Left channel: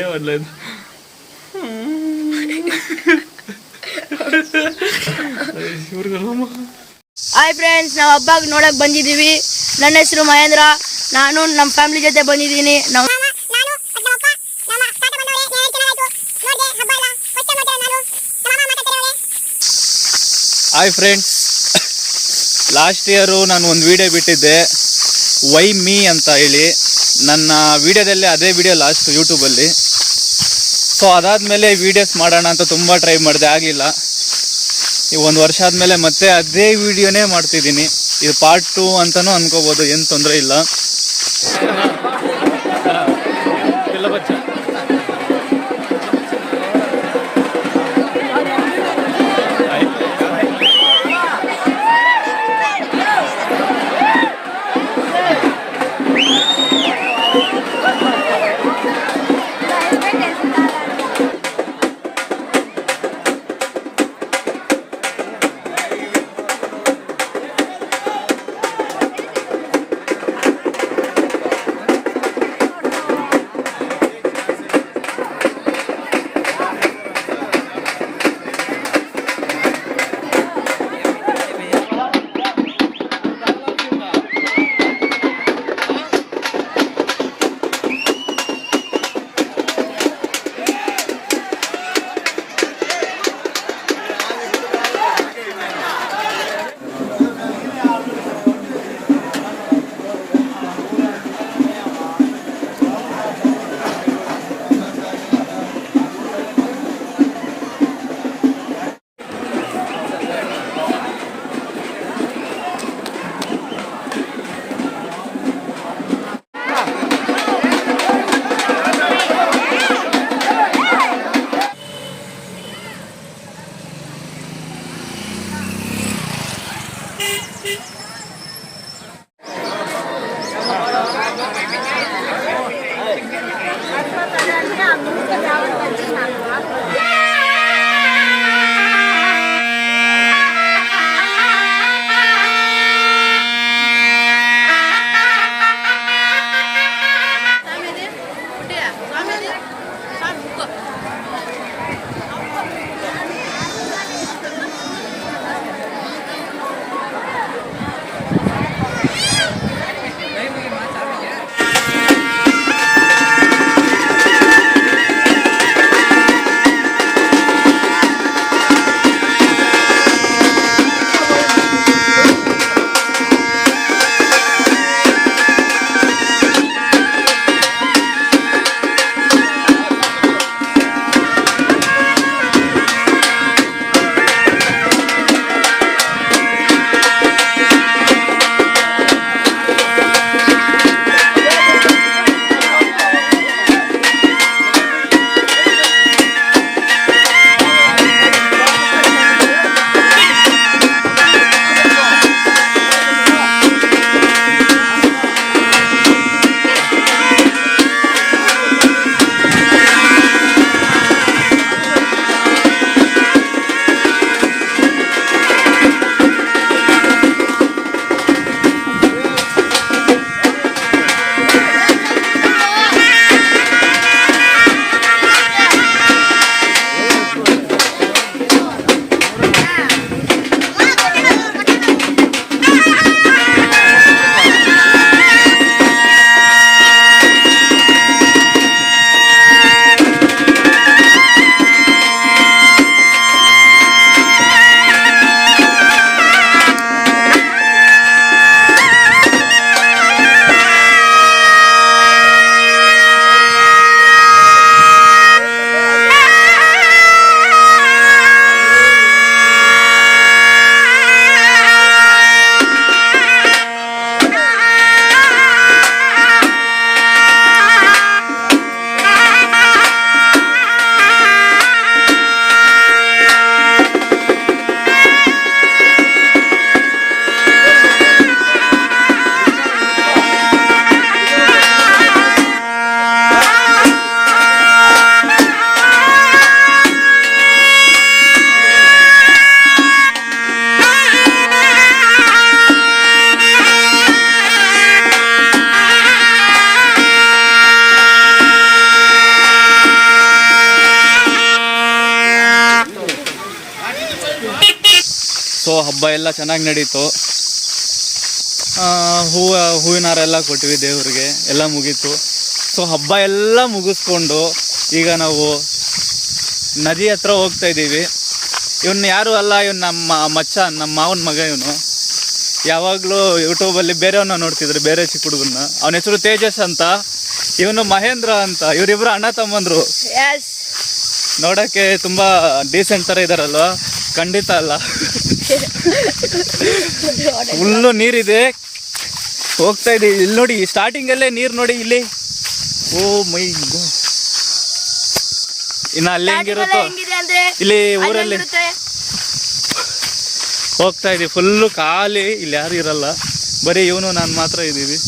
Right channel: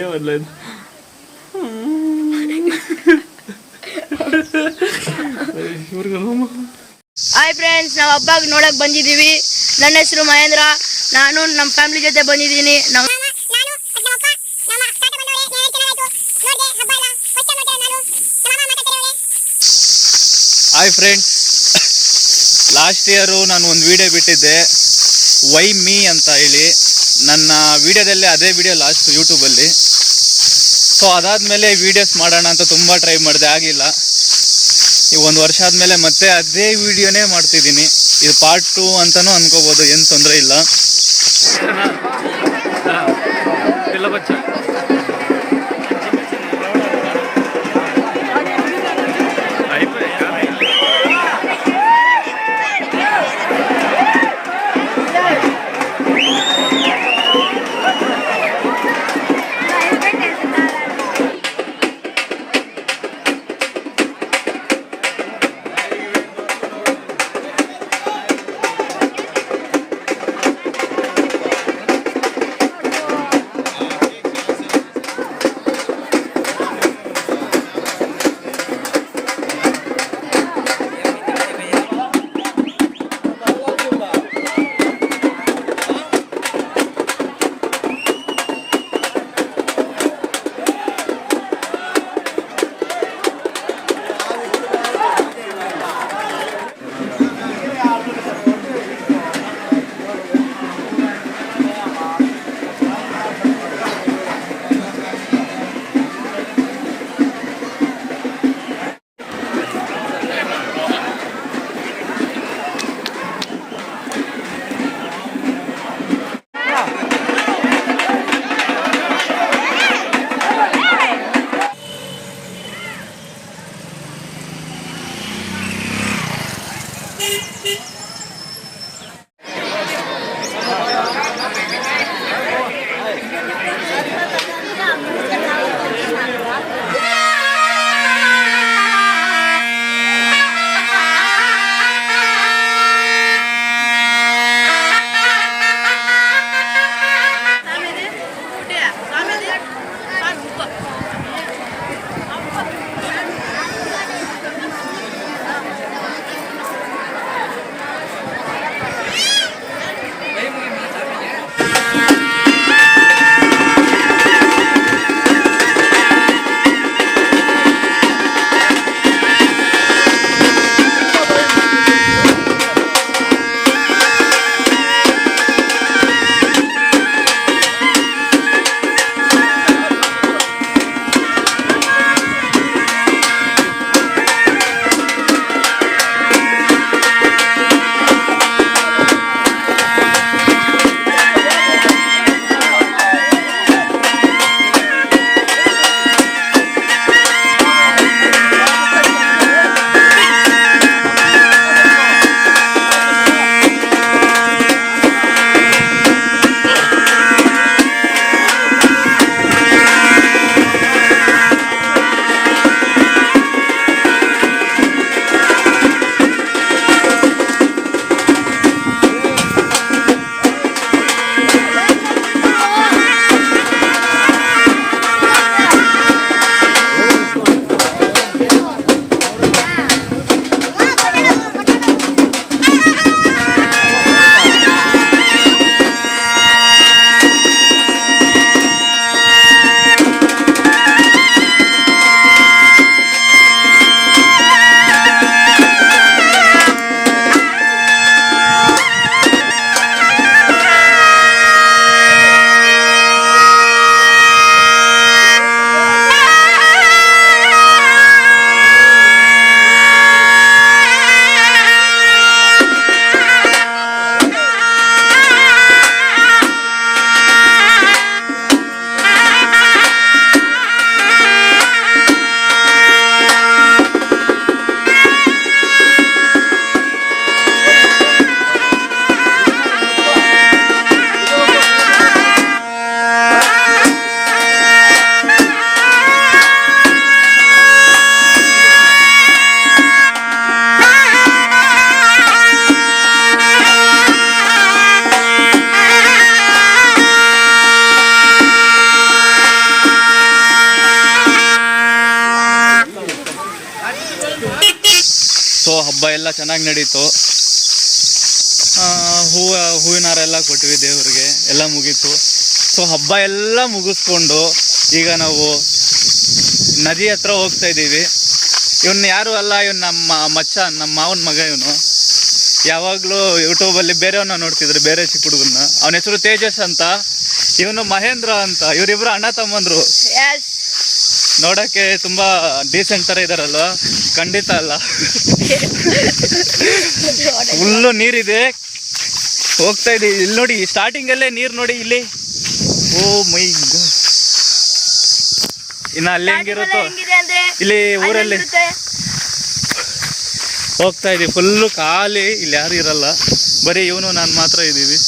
ఏమలేదు. Hi friends, ನಾವು ಹಬ್ಬಕ್ಕೆ ನೋಡಕ್ ಬಂದಿದ್ದೀವಿ. ನನ್ನ ಹೆಸರು ಮಹೇಂದ್ರ. ನಾನು ನಮ್ಮ ಫ್ಯಾಮಿಲಿ ಜೊತೆ ಬಂದಿದ್ದೀನಿ. ಹಾಯ್ ಫ್ರೆಂಡ್ಸ್, ಲಾಸ್ಟ್ ಇಯರು ನಾನು ಒಂದು ವಿಡಿಯೋ ಬಿಟ್ಟಿದ್ದೆ, ವೈ ಮೀ ಅಂತ ಹೇಳಿ. ನನ್ನ ವಿಡಿಯೋದಲ್ಲಿ ಅದೇ ವಿಡಿಯೋ ಲಾಸ್ಟ್ ಯೂಟ್ಯೂಬಲ್ಲಿ. ಸೊ ಅದಾದಮೇಲೆ ವೀಡಿಯೋಸ್ ಮಾಡೋಣ ಅಂತ ತುಂಬ ಟ್ರೈ ಮಾಡಿದೆ, ಆಗಲಿಲ್ಲ. ಈ 1 ವರ್ಷ ಆದಮೇಲೆ ಮತ್ತೆ ಅದೇ ವಿಡಿಯೋನೇ ಮಾಡ್ತಿದ್ದೀನಿ. ಇದು ಪಾರ್ಟ್ 2 ಅಂತಲೂ ಅನ್ಕೋಬೋದು, ಏನು ತೊಂದರೆ ಇಲ್ಲ. ಸೊ ಹಬ್ಬ ಎಲ್ಲ ಚೆನ್ನಾಗಿ ನಡೀತು. ಹೂವಿನ ಹಾರ ಎಲ್ಲ ಕೊಟ್ವಿ ದೇವ್ರಿಗೆ, ಎಲ್ಲ ಮುಗೀತು. ಸೊ ಹಬ್ಬ ಎಲ್ಲ ಮುಗಿಸ್ಕೊಂಡು ಈಗ ನಾವು ನದಿ ಹತ್ರ ಹೋಗ್ತಾ ಇದ್ದೀವಿ. ಇವನು ಯಾರು ಅಲ್ಲ, ಇವನು ನಮ್ಮ ಮಚ್ಚ, ನಮ್ಮ ಮಾವನ ಮಗ. ಇವನು ಯಾವಾಗಲೂ ಯೂಟ್ಯೂಬಲ್ಲಿ ಬೇರೆಯವನ್ನ ನೋಡ್ತಿದ್ರು, ಬೇರೆ ಚಿಕ್ಕ ಹುಡುಗನ್ನ. ಅವನ ಹೆಸರು ತೇಜಸ್ ಅಂತ, ಇವನು ಮಹೇಂದ್ರ ಅಂತ. ಇವರಿಬ್ರು ಅಣ್ಣ ತಮ್ಮಂದ್ರು. ನೋಡೋಕ್ಕೆ ತುಂಬ ಡೀಸೆಂಟ್ ಥರ ಇದ್ದಾರಲ್ವ? ಖಂಡಿತ ಅಲ್ಲ. ಫುಲ್ಲು ನೀರಿದೆ, ಹೋಗ್ತಾ ಇದ್ದೀವಿ. ಇಲ್ಲಿ ನೋಡಿ, ಸ್ಟಾರ್ಟಿಂಗಲ್ಲೇ ನೀರು ನೋಡಿ ಇಲ್ಲಿ. ಓ ಮೈ ಗಾಡ್. ಇನ್ನು ಅಲ್ಲಿ ಹೆಂಗಿರುತ್ತೋ ಇಲ್ಲಿ ಊರಲ್ಲಿ ಹೋಗ್ತಾ ಇದೀವಿ. ಫುಲ್ಲು ಖಾಲಿ, ಇಲ್ಲಿ ಯಾರು ಇರಲ್ಲ, ಬರೀ ಇವನು ನಾನು ಮಾತ್ರ ಇದ್ದೀವಿ.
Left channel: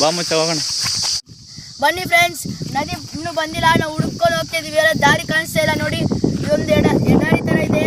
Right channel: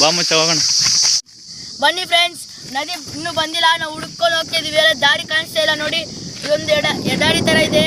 ಬಾ ಮಚ್ಚ ಹೋಗೋಣ. ಬನ್ನಿ ಫ್ರೆಂಡ್ಸ್, ನದಿ ಇನ್ನೂ ಬಂದಿಲ್ಲ, ನಾವು ಹುಡುಕೊಂಡು ಹೋಗ್ತಾ ಇದೀವಿ. ಎಲ್ಲ ದಾರಿ ಕಾಣಿಸ್ತಾ ಇಲ್ಲ ನೋಡಿ, ಇದೊಂದು ಎಡಾಡಿ ಥರ ಇದೆ.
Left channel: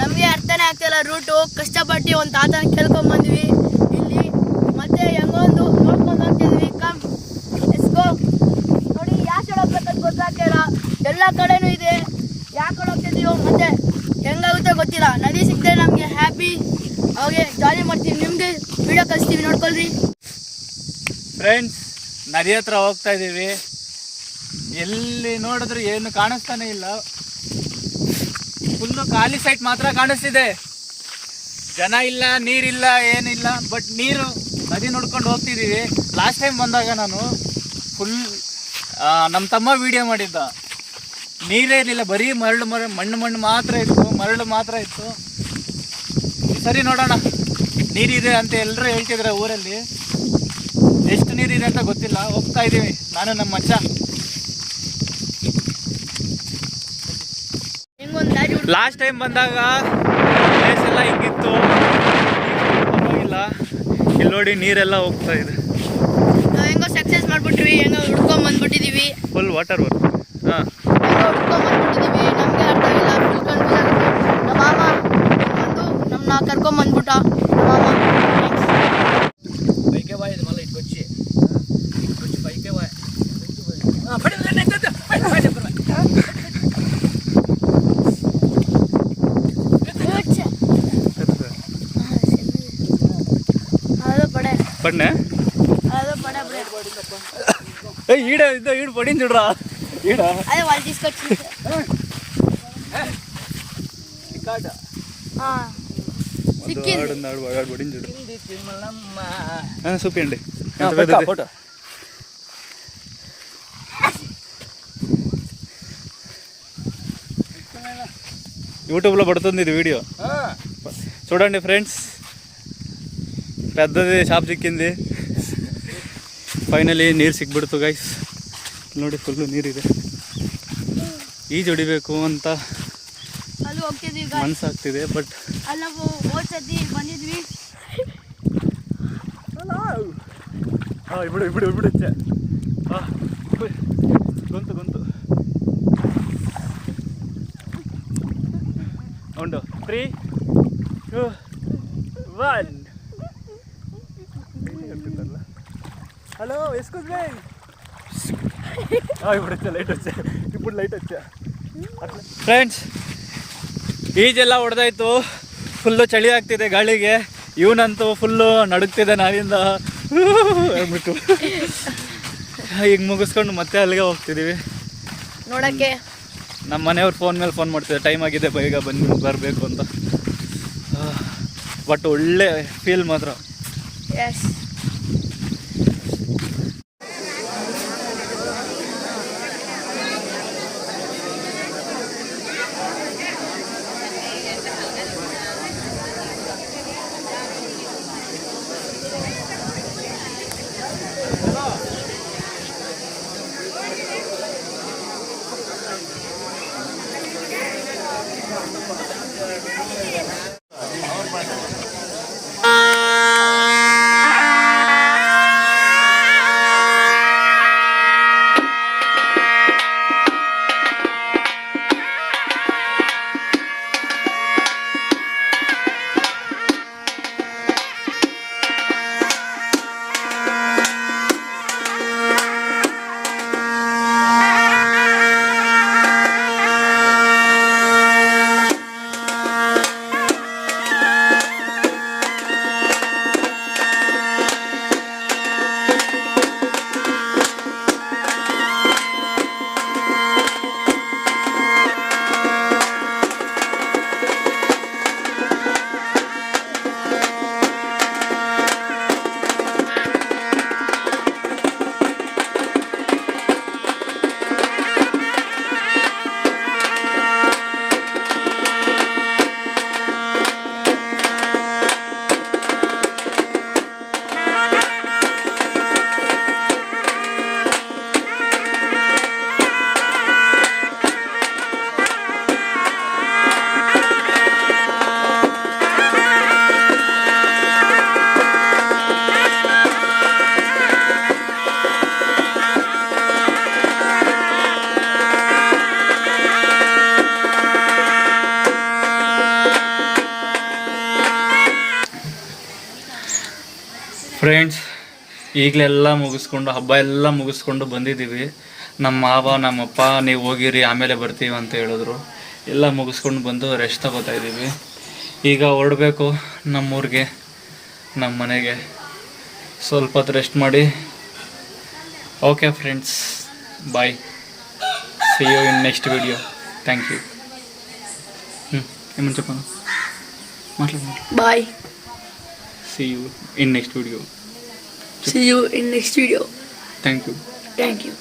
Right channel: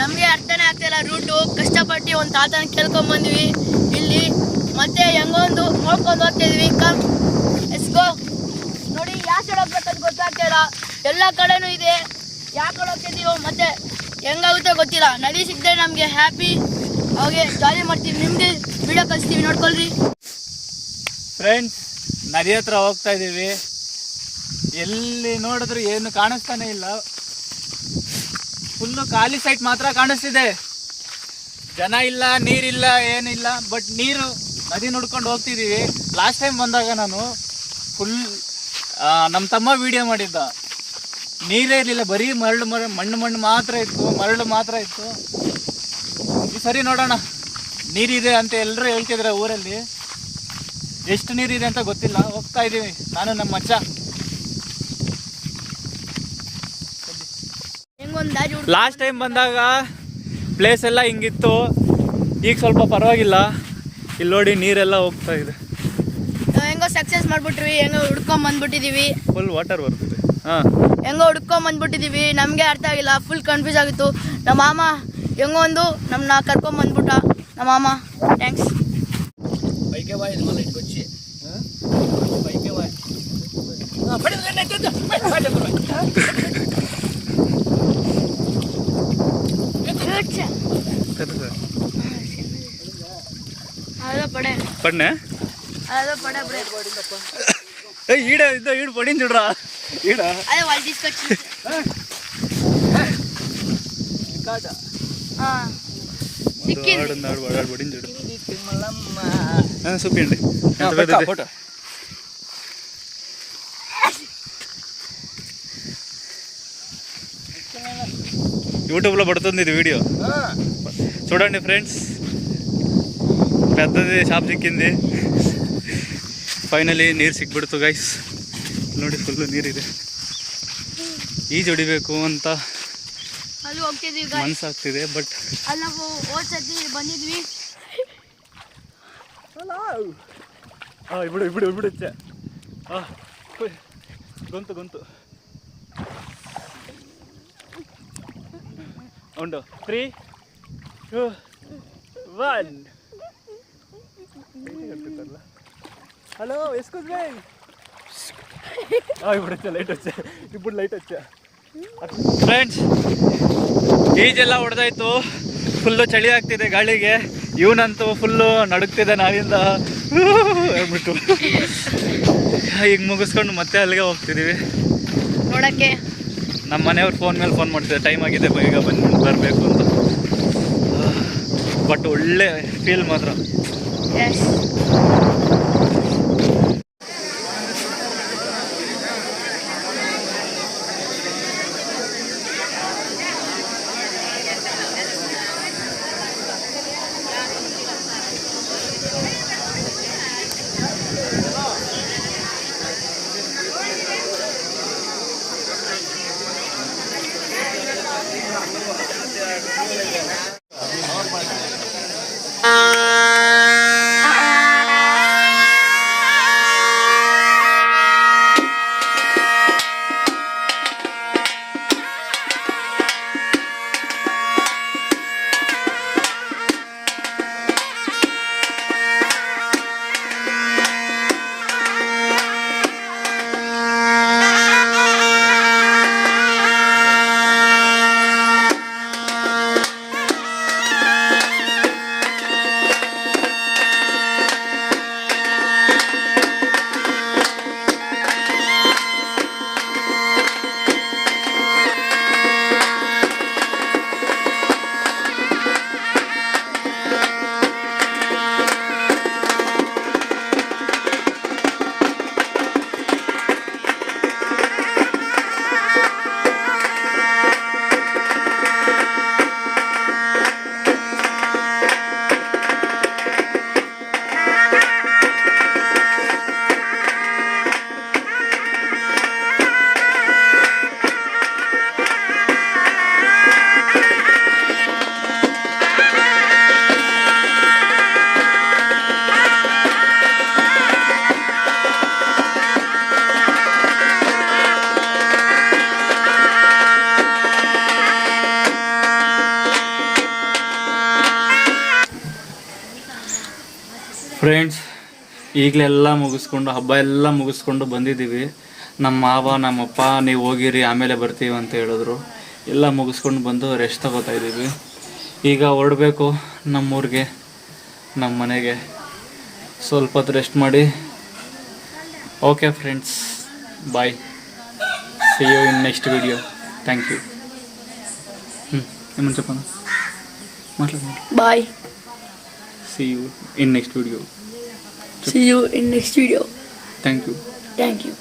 ನಮಗೆ ಅರ್ಥನೇ ಆಗ್ತಿಲ್ಲ ರೂಟು. ಕಷ್ಟಪಟ್ಟು ಒಂದು ತಾತನ ಕೇಳ್ಕೊಂಬಂದ್ವಿ ಇಲ್ಲಿ, ಮತ್ತೆ ಹೆಂಗೊಂದು ನೋಡ್ಕೊಂಡು ಹೋಗ್ತಾ ಇದೀವಿ. Come let's go. ನೋಡಿ ಯಾವ ಸೈಡ್ ಹೋಗ್ಬೇಕಂತ ಗೊತ್ತಾಗ್ತಿಲ್ಲ, ಎಲ್ಲ ಕಡೆನೂ ಇದೆ. ಯಾವ ಕಡೆ ಹೋಗ್ತಿದ್ದೀವೋ ಮತ್ತೆ ಹೆಂಗಾಗುತ್ತೋ ಗೊತ್ತಿಲ್ಲ. ನದಿ ಸಿಕ್ಕರೆ ನಮಗೆ ಹ್ಯಾಪಿ, ಅವಾಗೆ ಜಾಲಿ ಮಾಡ್ತೀವಿ. ನಿಮಗೆ ವಿಡಿಯೋ ಕಳಿಸ್ತೀವಿ, ನೋಡ್ಕೊಳ್ರಿ ಫ್ರೆಂಡ್ಸ್. ನದಿ ಹತ್ರ ಹೋಗ್ತಾ ಇದ್ದೀವಿ. ಎಲ್ಲಿ ನೋಡಿದ್ರು ಏನು ಕಾಣಿಸ್ತಾನೆ ಇಲ್ಲ, ಫುಲ್ಲು ಖಾಲಿ ಸೈಟ್ ಮಾತ್ರ ಕಾಣಿಸ್ತಿದೆ. ಜನ ಇಲ್ಲ, ನೀರಿಲ್ಲ, ಏನಿಲ್ಲ. ಬಟ್ ನೀರು ನದಿ ನೋಡ್ಕೊಂಡು ಹೋಗ್ತಿದ್ದೀವಿ. ಲಾಸ್ಟ್ ಟೈಮ್ ಬಂದಾಗ ನಾನು ಫುಲ್ ನಮ್ಮ ತಮ್ಮ ವಿಡಿಯೋ ಮಾಡಿದ್ದ, ನೀರೇ ಇರಲಿಲ್ಲ, ಬರೀ ಮಣ್ಣು ಮಾತ್ರ ಇತ್ತು, ಮರಳು ಮಾತ್ರ ಇತ್ತು. ಈ ಸರಿ ನೋಡೋಣ, ನೀರಿದೆ ಅಂತ ಎಲ್ಲರೂ ಹೇಳ್ತಿದ್ರೆ ಊರಲ್ಲಿ. ಎಷ್ಟು ನೀರಿದೆ ಅಂತ ಗೊತ್ತಿಲ್ಲ. ಹೋಗ್ತಾ ಇದ್ದೀವಿ ನಾನು ನಮ್ಮ ಮಚ್ಚ. ಲಾಸ್ಟ್ ಟೈಮ್ ಬಂದಾಗ ಪ್ಲೇಸ್ ಎಲ್ಲ ಹಿಂಗಿತ್ತು, ಈಗ ಸ್ವಲ್ಪ ಪರವಾಗಿಲ್ಲ. ಇಲ್ಲಿ ನೋಡಿ ನೀರೆಲ್ಲ ಹೋಗ್ತಾ ಇದೆ. ಹೆಂಗೋ ಸಕ್ಸಸ್ ಮಾಡ್ಬಿಟ್ವಿ, ಹೆಂಗೋ ಹುಡ್ಕೊಂಡ್ ಬಂದ್ಬಿಟ್ಟಿದೀವಿ. ಫುಲ್ ವಾಟರ್ ಬರುತ್ತೆ. ಹಾಂ, ಹೆಂಗೋ ಹುಡ್ಕೊಂಡ್ ಬಂದ್ಬಿಟ್ಟಿದೀವಿ. ನಮಗೆ ಅರ್ಥ ಆಗಿಲ್ಲ, ಫುಲ್ ಕನ್ಫ್ಯೂಸ್ ಆಗಿತ್ತು. ನಮ್ಮ ಮಾಮ ಹೆಂಗೋ ಒಂದು ನಮ್ಮನ್ನ ಕರ್ಕೊಂಡ್ ಬಂದ್ಬಿಟ್ಟ ನಮ್ಮ ಮಾಮ. ಥ್ಯಾಂಕ್ಸ್. పైకే వాయి మళ్ళీ ఇటుకు వచ్చి పైకే వాయి పడినా ఈడ ఇద్దో ఈడు పడింది చూడరా. ఈడ అదే వాళ్ళు తీసుకొచ్చి పడింది చూడు. చూపించండి ఎంత పెద్దది. యూట్యూబ్లో పడుతుంది ఇది వీడియో, చూడండి ఫ్రెండ్స్. పెద్దది షాప్ ಸಿಕ್ಕಿಂది. ಫೈನಲಿ ನೀರು ಸಿಕ್ಬಿಡ್ತು ಗೈಸ್. ನೋಡಿ ಫುಲ್ಲು ನೀರಿದೆ. ಈಜು ಹೊಡಿಬೇಕು ಅಂತ ಮನಸ್ಸಾಗ್ತಿದೆ, ಬಟ್ ಬಂದಿದ್ವಿ. ಬಿಡು ಬಿಡು ಬಿಡು. ಗೊಂತು ಉಂಡು. 3, 2, 1. Hello excuse me. ఇప్పుడు వచ్చా, లైట్ వచ్చా, ఇప్పుడు లైట్ వచ్చా. ಫ್ರೆಂಡ್ಸ್, ಈಜೆಲ್ಲ ಹೊಡೆದಾಯ್ತು. ಫುಲ್ಲು ಚಳಿ ಆಗ್ತಿದೆ ಗಾಳಿಗೆ. ಇವನಂತೂ ಫುಲ್ಲು ನಡುಗ್ತಿದೆ ನಾವಿಂದ ಹೇಳ್ಬಿಟ್ಟು. ಈಗ ಮುಗಿಸ್ಕೊಂಡು ಮತ್ತೆ ಅಲ್ಲಿಗೆ ಹೋಗ್ತಿದ್ದೀವಿ ನೋಡಕ್ಕೆ. ನಮ್ಮ ಮನೆಯವ್ರು ಫೋನ್ ಮೇಲೆ ಫೋನ್ ಮಾಡ್ತಿದ್ದಾರೆ, ಟೈಮ್ ಆಗಿದೆ ಬೇಗ ಬರಬೇಕು ಅಂತ. ಬಟ್ ಒಳ್ಳೆ ಫೀಲ್ ಮಾತ್ರ. ಫ್ರೆಂಡ್ಸ್, ಈಗಲೆಲ್ಲ ಮುಗಿಸ್ಕೊಂಡು ಹಬ್ಬ ಎಲ್ಲ ಮುಗಿಸ್ಕೊಂಡು ಬಂದಿದ್ದೀವಿ. ನಮ್ಮ ಮಾವ ನಮ್ಮಪ್ಪ ನೀವು ಹೋಗಿರಿ ಆಮೇಲೆ ಬರ್ತೀವಿ ಅಂತ ಹೇಳಿದ್ರು. ಎಲ್ಲ ಮುಗಿಸ್ಕೊಂಡು ಬಂದು ರೆಸ್ಟ್ ತಗೋತಾ ಇದ್ದೀವಿ. ಈಗ ಹೊರಡಬೇಕು ನಮ್ಮೂರಿಗೆ, ನಮ್ಮ ಮನೆಗೆ. ಸ್ವಲ್ಪ ಹೊತ್ತು ರೆಸ್ಟ್ ಮಾಡಿ. Okay friends, bye. See you in next video. Thank you. ಏಮನ್ ಚಪ್ಪನ ಮಾತಾಡಿ. Bye. See you in next video. See you in next video. Thank you. Thank you.